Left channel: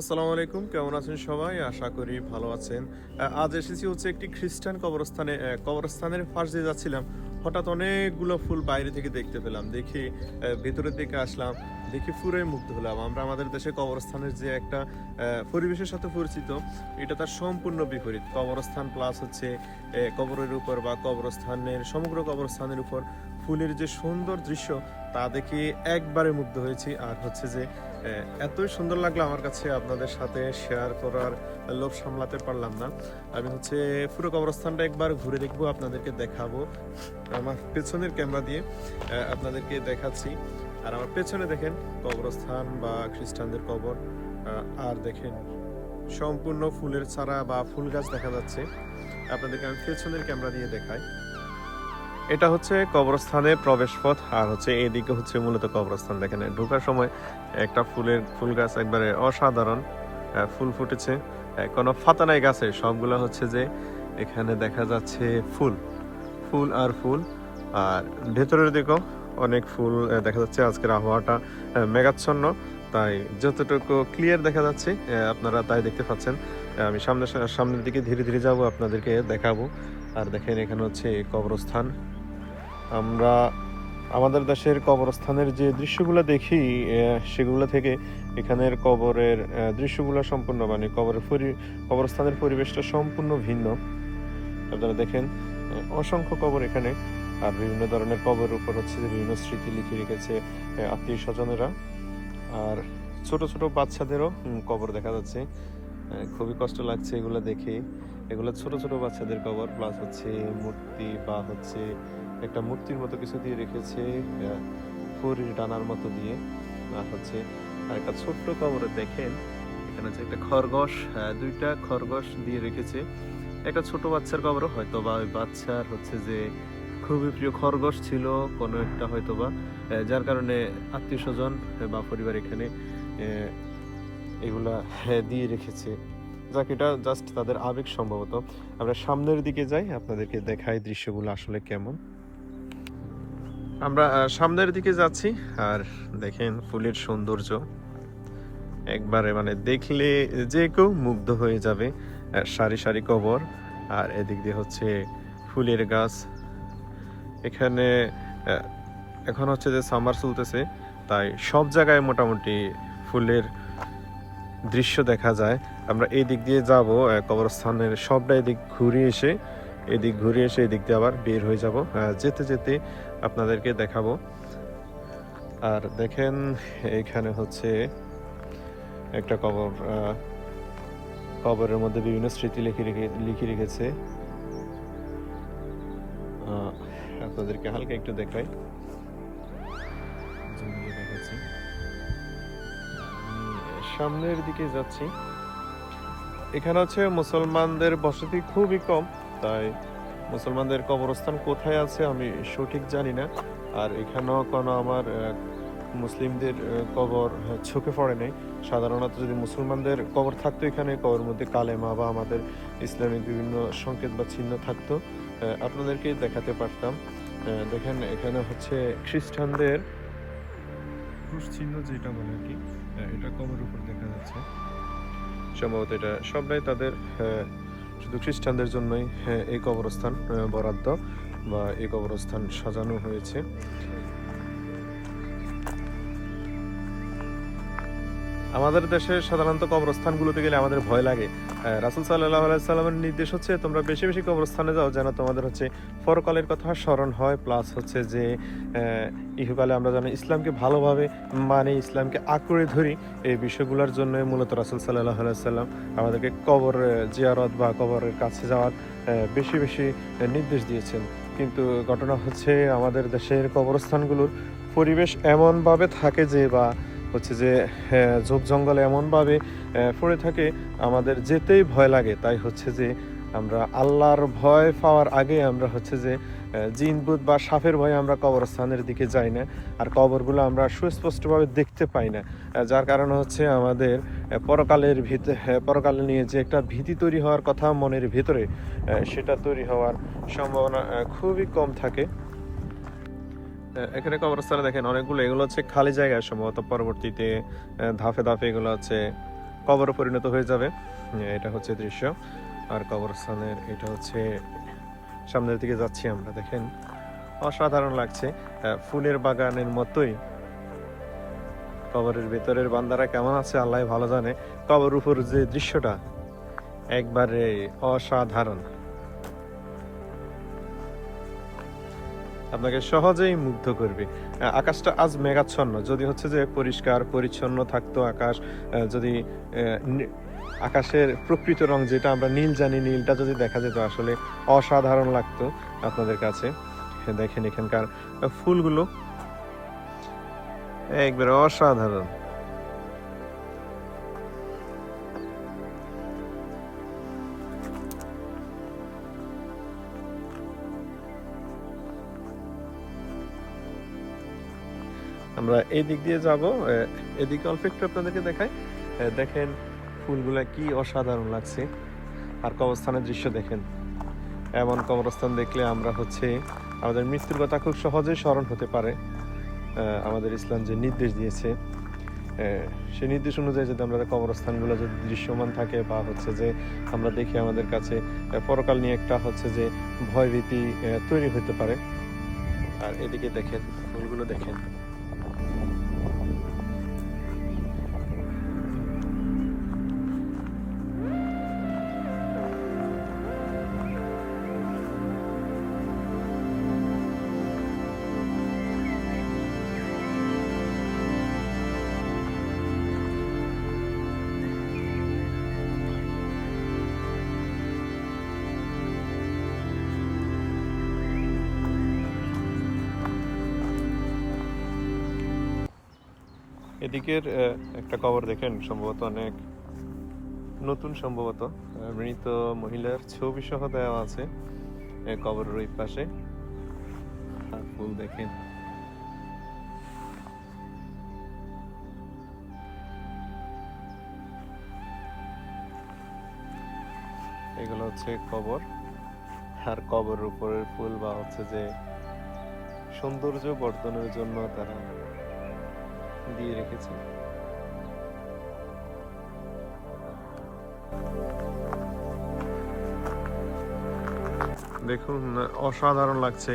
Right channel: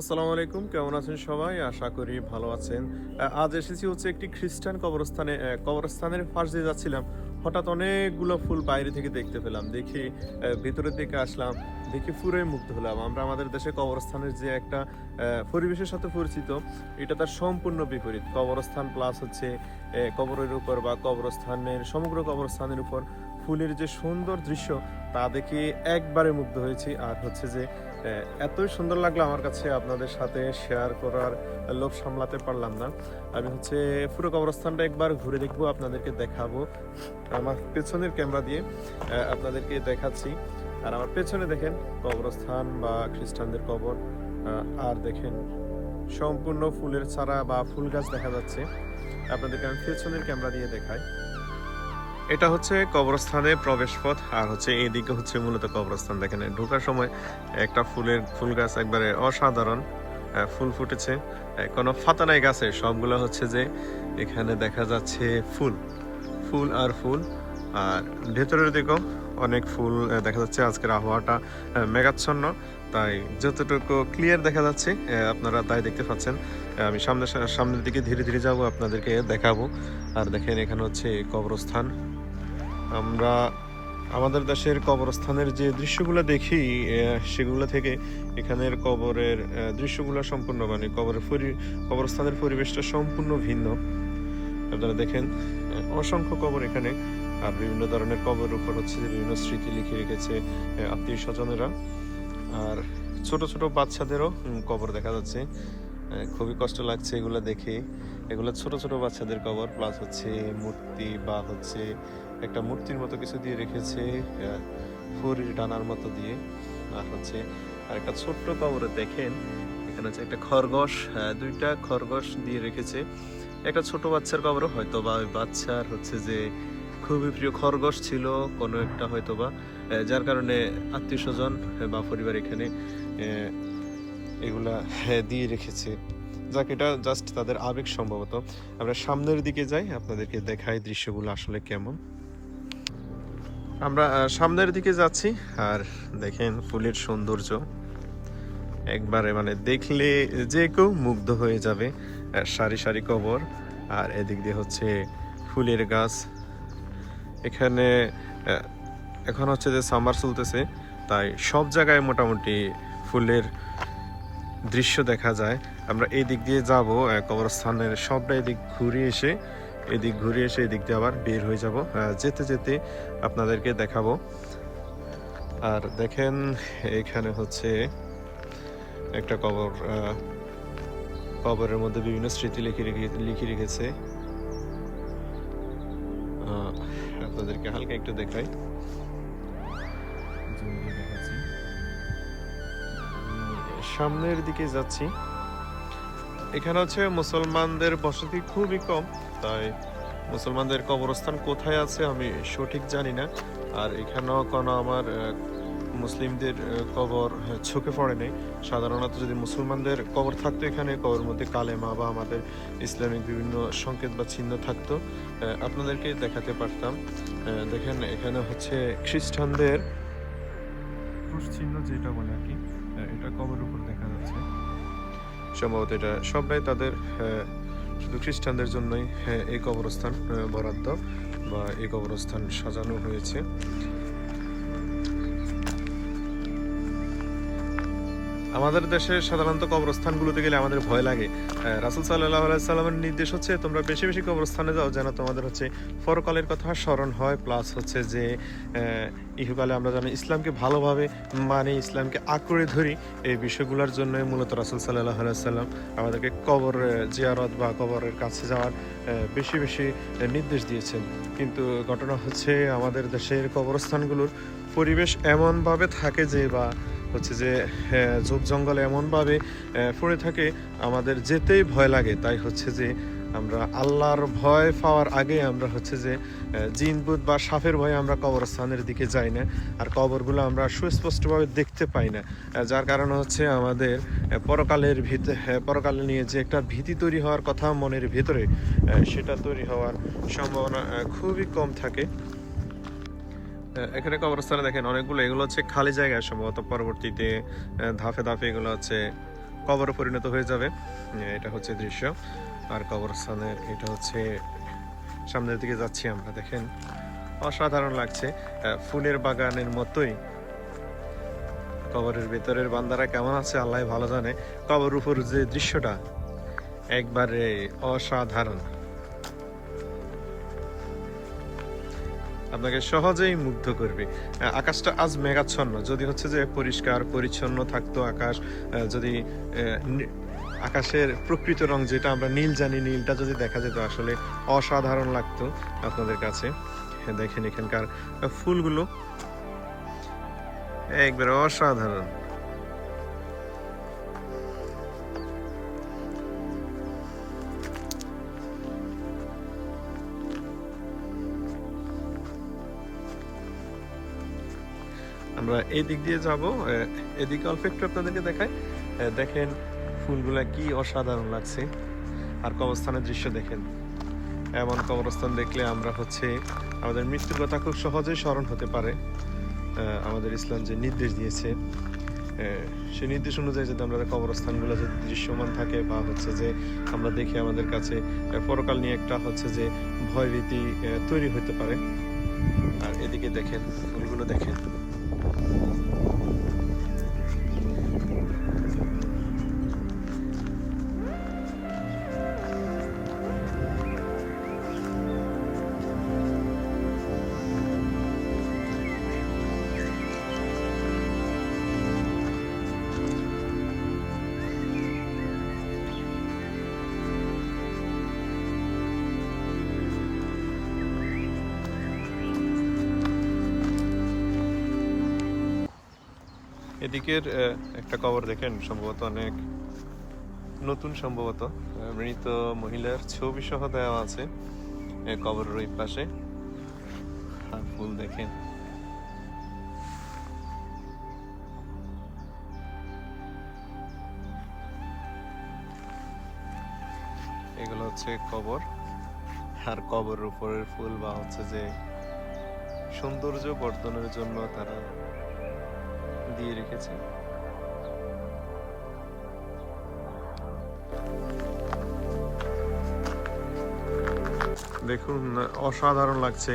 আসসালামু আলাইকুম, কেমন আছেন সবাই? আশা করি ভালো আছেন। আজ এসেছি হচ্ছে একটি খ্রিস্টান কবরস্থানে কবরস্থানের পাশ দিয়ে যাচ্ছিলাম। হঠাৎ অনেকগুলো ফুল বাইরে থেকে দেখতে পেলাম। দেখি ভেতরের দিকে আসলাম, দেখি পুরোই মুগ্ধ হলাম। আমরা আমাদের দেশে কবরস্থানের যে একটা পরিবেশের সাথে পরিচিত, এটা তার সম্পূর্ণ বিপরীত। কবরস্থান প্লাস হচ্ছে কবরের উপর বা কবরস্থানের, সমগ্র কবরস্থানের উপর ফুলের যে সুন্দর দৃশ্য, তা দেখে একবারে মুগ্ধ হয়েছি। আর হচ্ছে যে এতই সুন্দর লাগল আমার কাছে আপনাদের সাথে শেয়ার করার, লোভ সামলাতে পারলাম না। আমি হচ্ছে পুরো কবরস্থানটা একবার ঘুরে দেখব, আপনাদেরকে দেখাবো। আমার পেছনের ক্যামেরা দিয়ে আপনাদেরকে দেখাচ্ছি। আর আমার পেছনে দেখেন কবরস্থান বা খ্রিস্টানদের কবর আর দেখেন সম্পূর্ণ ফুলের চারা বা ফুল গাছ দেখা যাচ্ছে। আপনাদেরকে আমি পেছনের ক্যামেরা দিয়ে দেখাই। এটা হচ্ছে কবরস্থানে প্রবেশ পথ আর হচ্ছে এইদিকে হচ্ছে মূলত কবরস্থান। দেখেন, ঢোকার সময় একটা ফুলের ফুল গাছ একবারে অসাধারণ ফুল ফুটেছে। কোনো ফাতা নাই গাছে, সবগুলো হচ্ছে যে এখানে দেখা যাচ্ছে ফুল ফুল আর ফুল। আর ভেতরের দিকেও অনেক ফুল দেখা যাচ্ছে আজকের আবহাওয়াটা মেঘাচ্ছন্ন। তাই যতটুকু ক্লিয়ার দেখা যাচ্ছে আপনারা তাই দেখতে পাচ্ছেন। আমি সামনে, সামনের দিকে ধীরে ধীরে যাব, আপনাদেরকে দেখাবো। আর দেখেন, এখানে হচ্ছে কবরস্থান। আমরা আমাদের দেশের কবরস্থানের যে দৃশ্যগুলো দেখি সেগুলো থেকে এখানের কবরের দৃশ্যগুলো সম্পূর্ণ মানে কবরের পরি, কবরস্থানের পরিবেশটা সম্পূর্ণ ভিন্ন। আপনারা দেখেন অসংখ্য কবর এখানে। আর বিভিন্ন ধরনের কবর উপর হচ্ছে যে বিভিন্ন স্মৃতি লিখে রেখেছে আত্মীয় স্বজনেরা। আর ছোট ছোট বাচ্চাদেরও কবর দেখা যাচ্ছে। খুবই কষ্ট লাগছে এগুলো দেখে। এগুলো ছোট ছোট বাচ্চাদের কবর, প্লাস হচ্ছে মূর্তি বা হচ্ছে একটা মূর্তির মতো কিছু দিয়ে রেখেছে ফুরির ডানার মতো দিয়ে। আর হচ্ছে আর একটা ছোট্ট কবরে দেখেন, এখানে হচ্ছে একটা খরগোশ দুইটা খরগোশ দিয়ে রেখেছে। একটা ছোট বাচ্চার কবরও হয়তো বা ওই বাচ্চার হচ্ছে যে খুবই প্রিয় খরগোশ ছিল, কোনো একটা হয়তো বা যার কারণে আত্মীয় স্বজন বা পরিবার এখানে এগুলা দিয়ে রেখেছে। যাক, এটা জাস্ট তাদের আবেগ সম্ভবত। আমরা সামনের দিকে যাই, আপনাদেরকে দেখাই দৃশ্যগুলো আসলে কেমন। আমরা সামনের দিকে যাচ্ছি, আর দেখেন ফুলের সৌন্দর্য। একবারে মানে দেখলে যে কেউ মুগ্ধ হয়ে যাবে সারি সারি কবর, আর এদিক দিয়ে হচ্ছে ফুলের গাছ। এখানে এখন হচ্ছে যে সামার চলতেছে, তাই সব জায়গায় মোটামুটি ফুলের দৃশ্য দেখা যায়। আমরা এই দিক দিয়ে যাব কবরস্থানের সবটা এদিক ঘুরে এসে এদিক ঘুরে এসে এদিক দিয়ে আবার বের হয়ে যাব। যেতে যেতে আপনাদেরকে দেখাবো। আর দেখেন, এখানে হচ্ছে একটা কবর কবরের মধ্যে বিভিন্ন স্মৃতি লিখে রেখে, লিখে রেখেছে। আপনাদেরকে হালকা একটু দেখাই। সামনের দিকে যাচ্ছি। এখানে হচ্ছে মুসলমানদের বসতি খুবই কম। তাই মুসলমানদের কবরস্থান কোথায় আছে আমি সঠিক জানি না। আর এখানেও কোনো আমার মুসলিমদের কবর চোখে পড়ে নেই। সাধারণত যদি মুসলমানদের কবর থাকতো এখানে কবর মধ্যে কালেমা বা আমাদের ইসলামিক বিভিন্ন সংকেত বা চিহ্ন থাকতো আপনাদেরকে দেখাতে পারতাম। দেখেন এখানে হচ্ছে খ্রিস্টানদের ক্রুশ চিহ্ন যেটা বলে আর কি এটা কবর উপর দেখা যাচ্ছে। সম্ভবত এটা সবটাই তাদের শুধু খ্রিস্টানদের জন্যই হ্যাঁ এই কবরস্থান বরাদ্দ বা এই কবরস্থান সাজানো হয়েছে। আমাদের দেশে সাধারণত কবরস্থানগুলোতে গেলে আমাদের ভয় লাগে। রাসুল সাল্লাহ সাল্লামের নির্দেশ হচ্ছে, তোমরা বেশি বেশি কবরস্থানে যাও যেন তোমাদের হচ্ছে পরকালের কথা স্মরণ হয় প্লাস হচ্ছে যে ইহুকালে আমরা জানি ইসলামকে ভালোভাবে মানে ইসলামকে আঁকড়ে ধরি, এই বিষয়গুলোর জন্য মূলত রাসুল সাল্লাহ সাল্লাম আমাদেরকে কবর জিয়ারত বা কবরের কাছে যাওয়ার বেশি বেশি নির্দেশ দিয়েছেন। কিন্তু ঘটনা হচ্ছে আমাদের দেশের কবরস্থানগুলোর পরিবেশ এমনভাবে থাকে যে বা হচ্ছে যে ঝোপ জঙ্গল এমনভাবে পড়ে থাকে আমাদের যেতেই ভয় লাগে। তাই হচ্ছে যে আমরা আল্লাহর ভয় পাওয়ার আগে আমরা হচ্ছে যে আহ, জিন ভূত বা সাপের ভয়ে আমরা কবরস্থানের দিকে যাই না। আর কবরগুলো আমরা সুস্পষ্টভাবে দেখতে পাই না। যার কারণে হচ্ছে আমাদের পরকালের ভিত পরকাল নিয়ে যে একটা ভীতি তৈরি হওয়ার কথা মনের ভিতরে সেটা তৈরি হওয়ার সম্ভাবনা খুবই কম থাকে। এখানে কবরস্থানে দেখেন অনেকগুলো, এগুলো হচ্ছে খালি জায়গায় সম্ভবত পরবর্তীতে ধাপে ধাপে এগুলো হচ্ছে কবরে পরিণত হয়ে যাবে। এটা হচ্ছে দৃশ্য। আর কবরস্থানের এটা হচ্ছে সামনের দিকে যাচ্ছি আমরা, দেখেন। অসাধারণ লাগছে। ফুলের বাগানের মতোই। কবরের ভেতরের বান্দারা কেমন আছে আল্লাহ ভালো জানে। কবর উপর যে দৃশ্যটা, একবারে অসাধারণ। আপনাকে সহজেই মুগ্ধ করবে। আকাশটা আজ মেঘাচ্ছন্ন। যদি হচ্ছে যে পরিষ্কার, পরিচ্ছন্ন থাকতো আকাশ যদি আকাশের প্রকৃত রং যেটা আমরা নীল জানি, নীলটা যদি দেখা যেত আসলে অসাধারণ লাগতো আপনাদের কাছে। দেখেন এখানকার ফুলগুলো। একবারে অসাধারণ। আমরা এই দিক দিয়ে যাব। এদিকে অল্প একটু আপনাদেরকে দেখাই। দেখেন ফুলগুলা কি অসাধারণ লাগছে। আর কবরস্থানের দৃশ্য দেখেন। এমন কবরস্থান দেখলে আমরা হচ্ছে আমাদের মৃত্যুর কথা খুব সহজেই স্মরণ হতে পারে। আমাদের ইসলাম যে নির্দেশ দিয়েছে সেই নির্দেশ অনুযায়ী যদি আমরা কবরস্থানগুলো যদি দৃশ্যমান থাকে বা হচ্ছে যে আমরা দেখি আমাদের কাছে পরকাল নিয়ে একটা হচ্ছে যে ভয়ভীতি তৈরি হতে পারে। আর এদিকে দেখেন, ফুলগুলো দেখেন। এদিকের একটা কবর দেখেন, সম্ভবত অনেক নতুন সম্ভবত। মৃত মহিলার ছবি সহ দেওয়া আছে কবরের ওই পাশে। আর ফুল দেখেন। এগুলো হচ্ছে কবর। আর কবরের উপরের ফুল বা হচ্ছে যে সৌন্দর্য বর্ধনের জন্য তারা দিয়ে রেখেছে। দেখুন অসাধারণ লাগছে।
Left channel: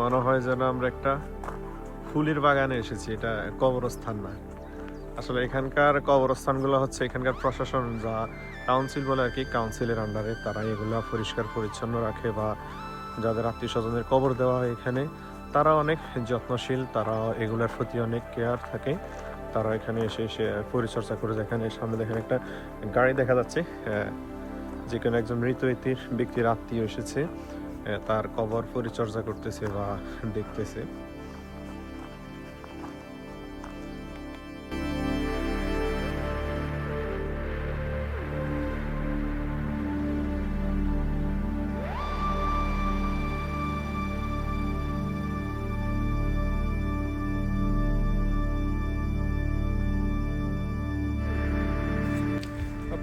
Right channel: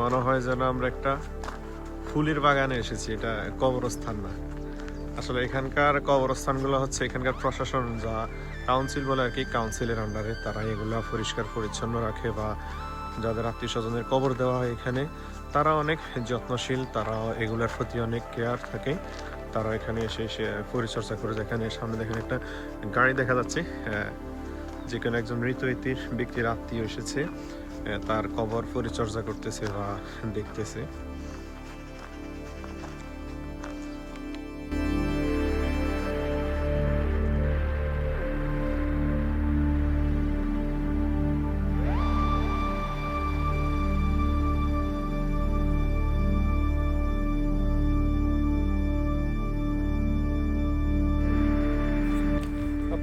মনে হয় যেন আমরা একটা ফুলের বাগানে এসেছি, এটা কবরস্থান না। আসলে এখানকার কবরস্থানগুলো হচ্ছে এখানকার প্রশাসন যা কাউন্সিল বলে আর কি কাউন্সিলের আন্ডারে তারা এগুলা পরিষ্কার পরিচ্ছন্ন রাখে বা যাদের আত্মীয় স্বজনের কবর দেওয়া হয় এখানে। তারা অনেক যত্নশীল তারা এগুলোর প্রতি অনেক কেয়ার থাকে। তারা এখানে এসে এসে পরিচর্যা করে যেখানে সামনে দেখেন একটা গাড়ি দেখা যাচ্ছে আহ, যে কোনো একজন মৃত ব্যক্তির আত্মীয় এসেছে তার কবর পরিচর্যা করতেছে বা দেখতেছে।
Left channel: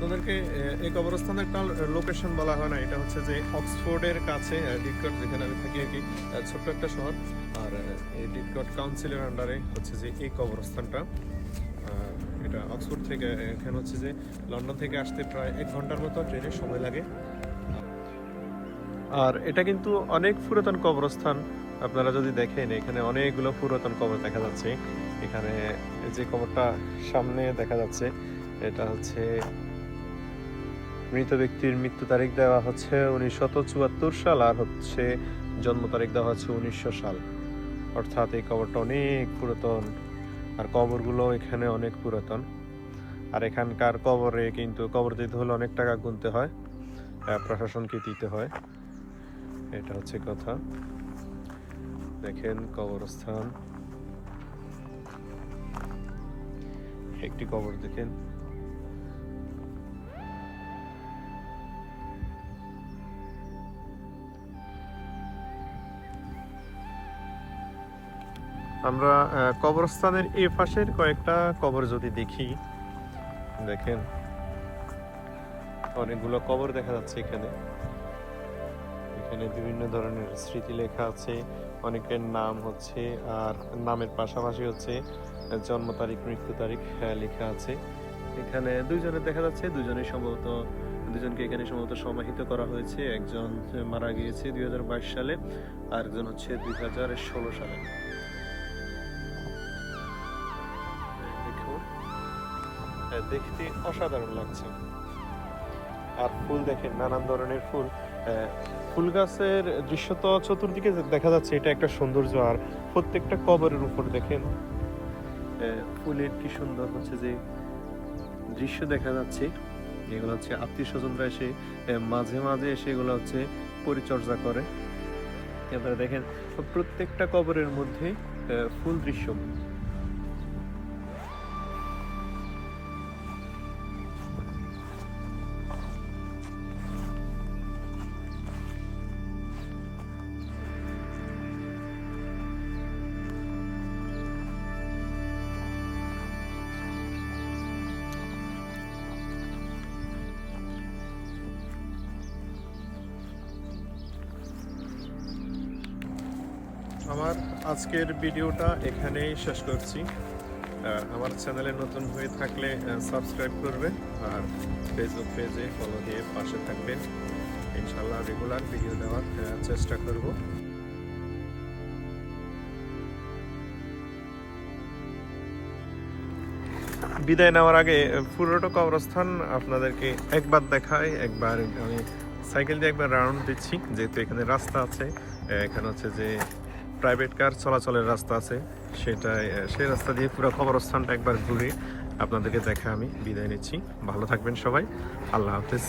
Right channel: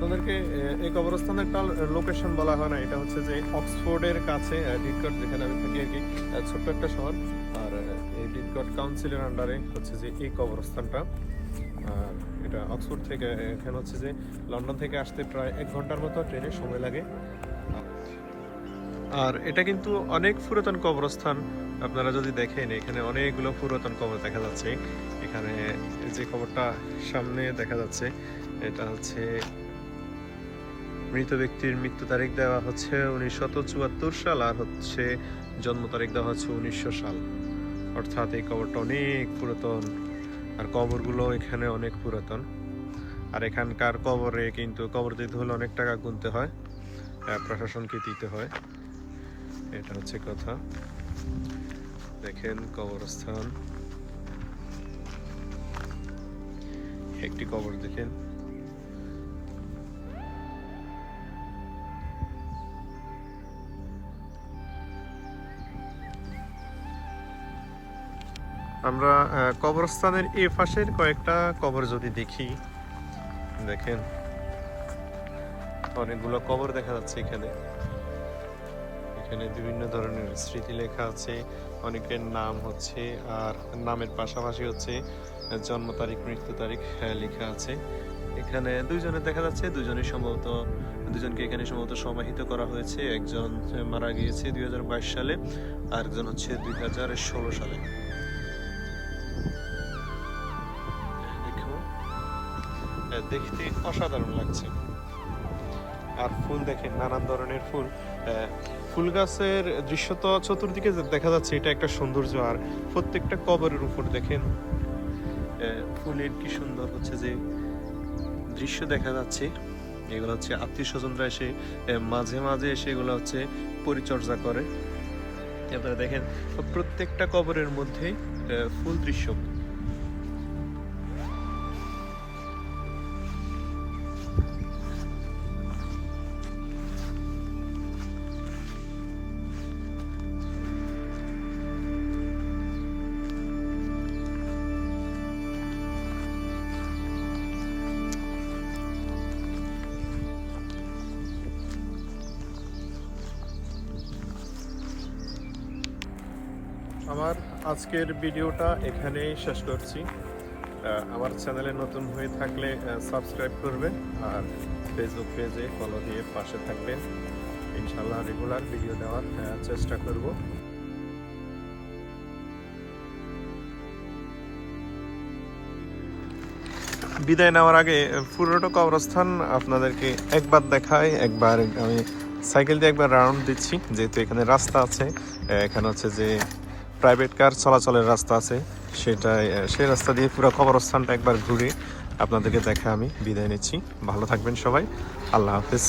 আপনাদেরকে এই কবরস্থানের একটা লোকেশন বলা হয় না, এটা হচ্ছে যে অক্সফোর্ডের কাছে ডিটকট, যেখানে আমি থাকি আর কি ছোট্ট একটা শহর। আর এই ডিটকট কাউন্সিলের আন্ডারে হচ্ছে যে এই কবরস্থানটা। আর এটা অক্সফোর্ড থেকে এখানে হচ্ছে যে লন্ডন থেকে আসতে প্রায় এক ঘণ্টার মতো ট্রেনে সময় লাগে। আর এটা কিন্তু অনেক পুরাতন কবরস্থান, আপনারা যদি দেখেন, এখানে অনেকগুলো পুরাতন কবর দেখা যাচ্ছে। এখানে যে কবরটা সামনে দেখা যাচ্ছে, এটা হচ্ছে মৃত ব্যক্তির মৃত্যু তারিখ দেওয়া হচ্ছে উনিশশো চুয়াত্তর সাল আর হচ্ছে জন্ম তারিখ দেওয়া হচ্ছে উনিশশো সাল। অর্থাৎ এই কবরটা অনেক পুরাতন আর কবরগুলো এখানে অনেক পুরাতন। আর এখানকার কবরে কিন্তু কবর দিতে হলে অনেক টাকা গুনতে হয় প্রশাসনকে দিতে হয়। এটা হচ্ছে কথা। দেখেন কবরস্থান। একটি কবর দেখেন। আমরা কবরস্থানের এ পাশের কয়েকটা কবর যদি দেখি দেখেন অনেকগুলো কবর দেখা যাচ্ছে এখানে। এখানে বিভিন্ন ধরনের স্মৃতি লেখা আছে অনেকের নাম হচ্ছে আর নামের পাশাপাশি হচ্ছে জন্ম তারিখ মৃত্যু তারিখ আহ, লেখা আছে। এখানে দুইজনের দেখা যাচ্ছে দুজনে সম্ভবত দুজনকে এখানে সম্ভবত সমাহিত করা হয়েছে। একজন মারা গিয়েছে দুই হাজার বাইশ সালে আর একজন হচ্ছে দুই হাজার ষোলো সালে। দেখতে অসাধারণ লাগছে। আর ফুল দেখেন, নানান ধরনের ফুল। ফুল গাছের দৃশ্য তো চতুর্দিকে দেখা যাচ্ছে, এটা একটা সৌন্দর্য। আর প্রত্যেকটা কবরের উপর দেখেন ফুলের কি সুন্দর হচ্ছে যে দৃশ্য দেখা যাচ্ছে। এগুলো হচ্ছে আত্মীয় স্বজনরা এসে মাঝে মাঝে এসে এগুলো হচ্ছে পরিচর্যা করে। আপনারা দেখেন, প্রত্যেকটা কবরের মধ্যে ফুল দৃশ্য। আমার আজকের ভিডিওটা এখানেই শেষ করছি। আমার চ্যানেলে নতুন হয়ে থাকলে সাবস্ক্রাইব করবেন আর ফেসবুক পেজে ফলো দিয়ে পাশে থাকবেন। ইনশাল্লাহ রেগুলার ভিডিও দেওয়ার চেষ্টা করব। বিদায় নেওয়ার আগে, পুরোটা কবরস্থান আপনাদেরকে একবার দেখাই। একবার আমি সাইকেল দিয়ে একবার রাউন্ড দিচ্ছি, যেহেতু এখানে রাস্তা আছে এখানে হচ্ছে যে প্রাইভেট কার চলাচলের রাস্তা আছে। সেটাই সেই রাস্তা দিয়ে পুরো কবরস্থানটা একবার ঘুরে আপনাদেরকে দেখে আমি বিদায় নিচ্ছি। ভালো থাকবেন সবাই। আল্লাহ হাফিজ।